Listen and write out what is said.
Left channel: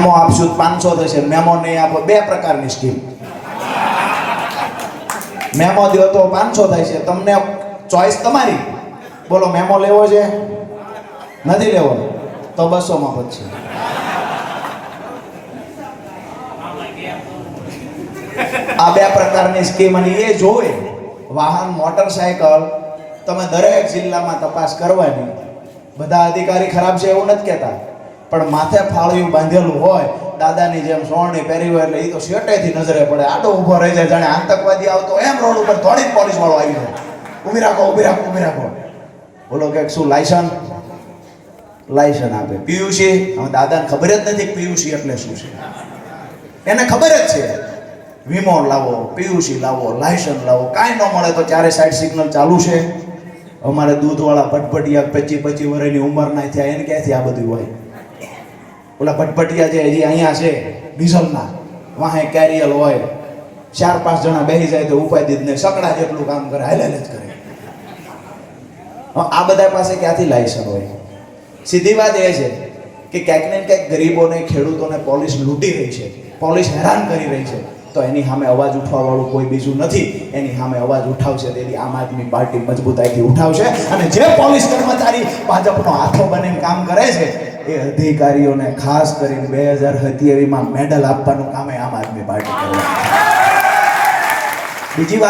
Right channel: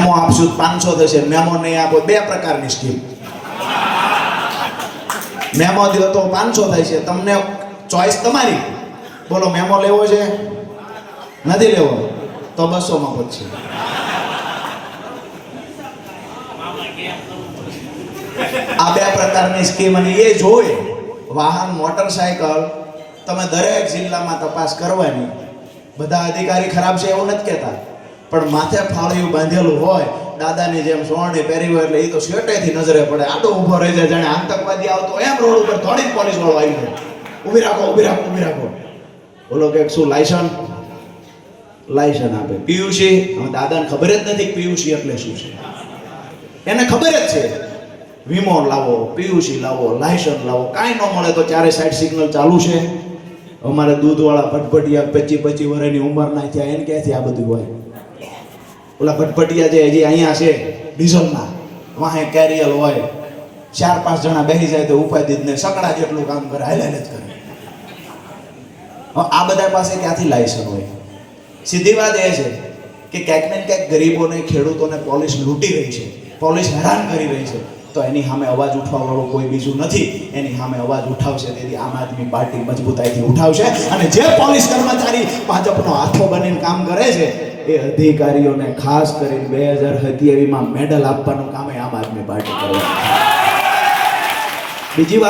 Memo આપશું 500 થશે, memo નહીં આપો 2 પ્રકારની સ્કીમ. મેમો દો તો 500 થાય છે, તમને ચોઈસ તમારી. બોલો મેમો લેવો છે નથી લેવો તો 200 માં પછી. આ 2 પ્રકારની સ્કીમ. અને એ જોવે વાહન મોટરસાયકલ તમે દરેક જિલ્લામાં તપાસ કરવાની. બધા અધિકારી ખરાબ છે એવું નથી કહેતા, પણ માથે ફાળિયું બાંધેલું હોય દાદાની જેમ સોરણી પહેરી હોય એટલે એ તો શેટેથી નજરે પડે. આડો ઊભો રહી જાય જાણે આતંકવાદી આવતો એમ રોડ ઉપર થોડી પોલીસ વાળો આવી જાય. ઊભી રાખો ઊભી રાખો ઊભી રાખો. બોલો કે શું લાયસન્સ આપે પીયુસી. દાદાને ખબર જ નથી પીયુસી એટલે શું છે. એને ખબર જ છે વીમો લાવો, પીયુસી લાવો, લાયસન્સ લાવો. કાંઈ ન મળે તો 4 સાઈડ સિગ્નલ ચાલુ છે. અમારે દૂધવાળા ભટભટિયા 25 વર્ષની ઉંમરના થયા, એને ક્યાંથી આ બધું હોય? ઓલા ભટભટિયા જે હજી અહીંયા છે ડીઝલના, વાહે કેરિયલ હોય, 4-5 જણા બેસી જાય તો ઉપાધિ જ નહીં, સકડા જેટલું કામ કરે, હાલે જ કરે. આ બધા પાસે ક્યાંથી લાયસન્સ હોય? સીધી વાત એ છે કે ક્યાંક ને ક્યાંક ગરીબોને, ખેડૂતોને પોલીસ લૂંટી રહી છે, પોલીસ હેરાન કરી રહી છે. તો એની સામે અવાજ ઉઠાવવાવાળું કોઈ બીજું નથી. એની સામે અવાજ ઉઠાવશે તેથી આમ આદમી પાર્ટી મજબૂતાઈથી ઉઠાવશે. અને જે પોલીસ કર્મચારી ભાજપનો હાથો બનીને કામ કરે છે એ અધિકારીઓને ખાસ કરીને 2027માં મેડલ આપવાનું કામ આમ આદમી પાર્ટી કરે છે. બીજી વાત